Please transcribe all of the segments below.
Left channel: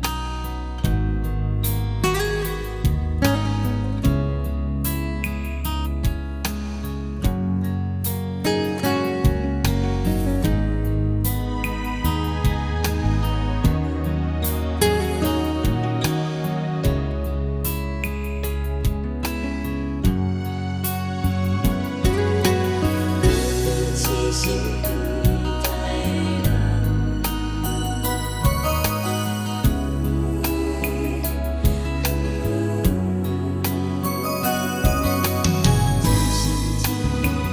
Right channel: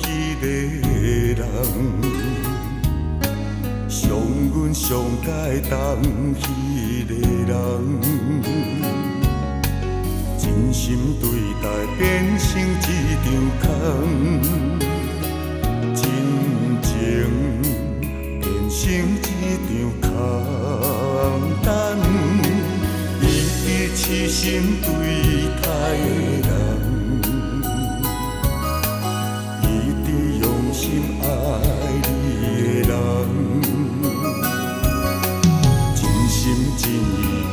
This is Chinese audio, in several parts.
迄个人，上阮上该当迄个人，真心对待变成一场空，真情变成一场空单，一直痴心对待的人。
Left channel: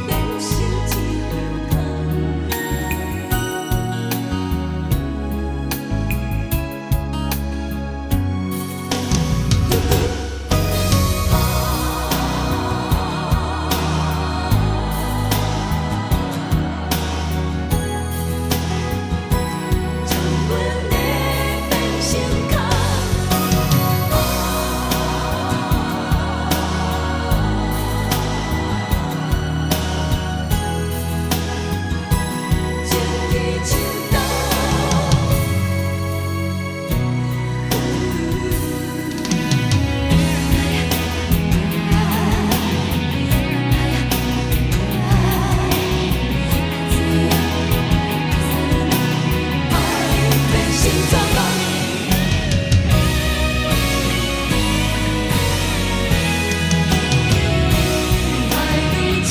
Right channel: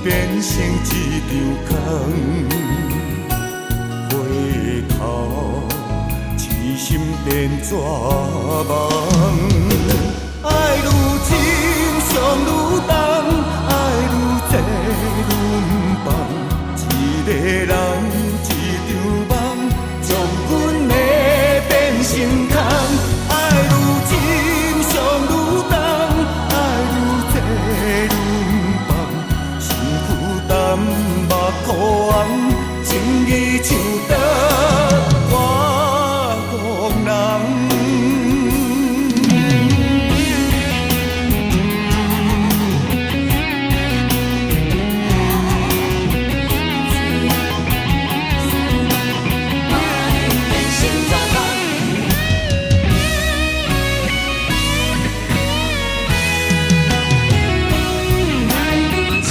变成一场空，回头痴心变怎梦？爱愈深，伤愈重，爱愈多，愈放。一个人，一场梦，将阮的变成空。爱愈深，伤愈重，爱愈多，愈放。目土红，情义像刀割予人。心怎样？爱愈深。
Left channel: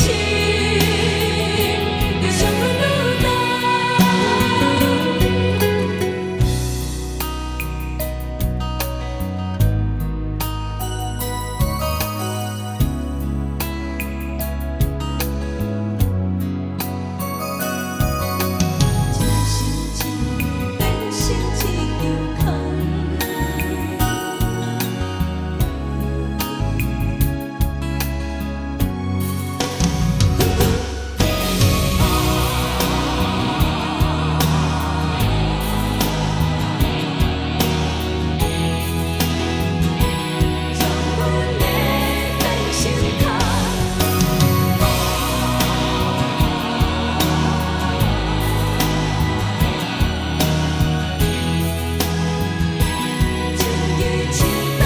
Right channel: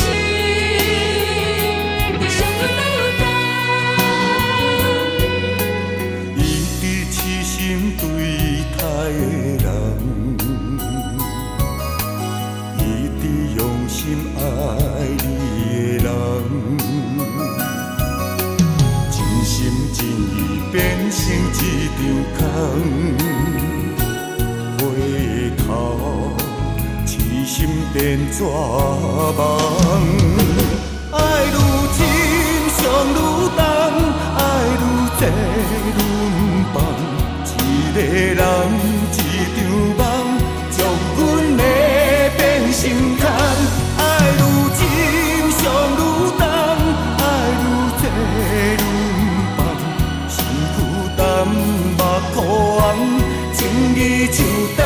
变成一场空，回头痴心变怎梦？爱愈深，伤愈重，爱愈多，愈放。一个人，一场梦，将阮的变成空。爱愈深，伤愈重，爱愈多，愈放。目土红，情义像刀。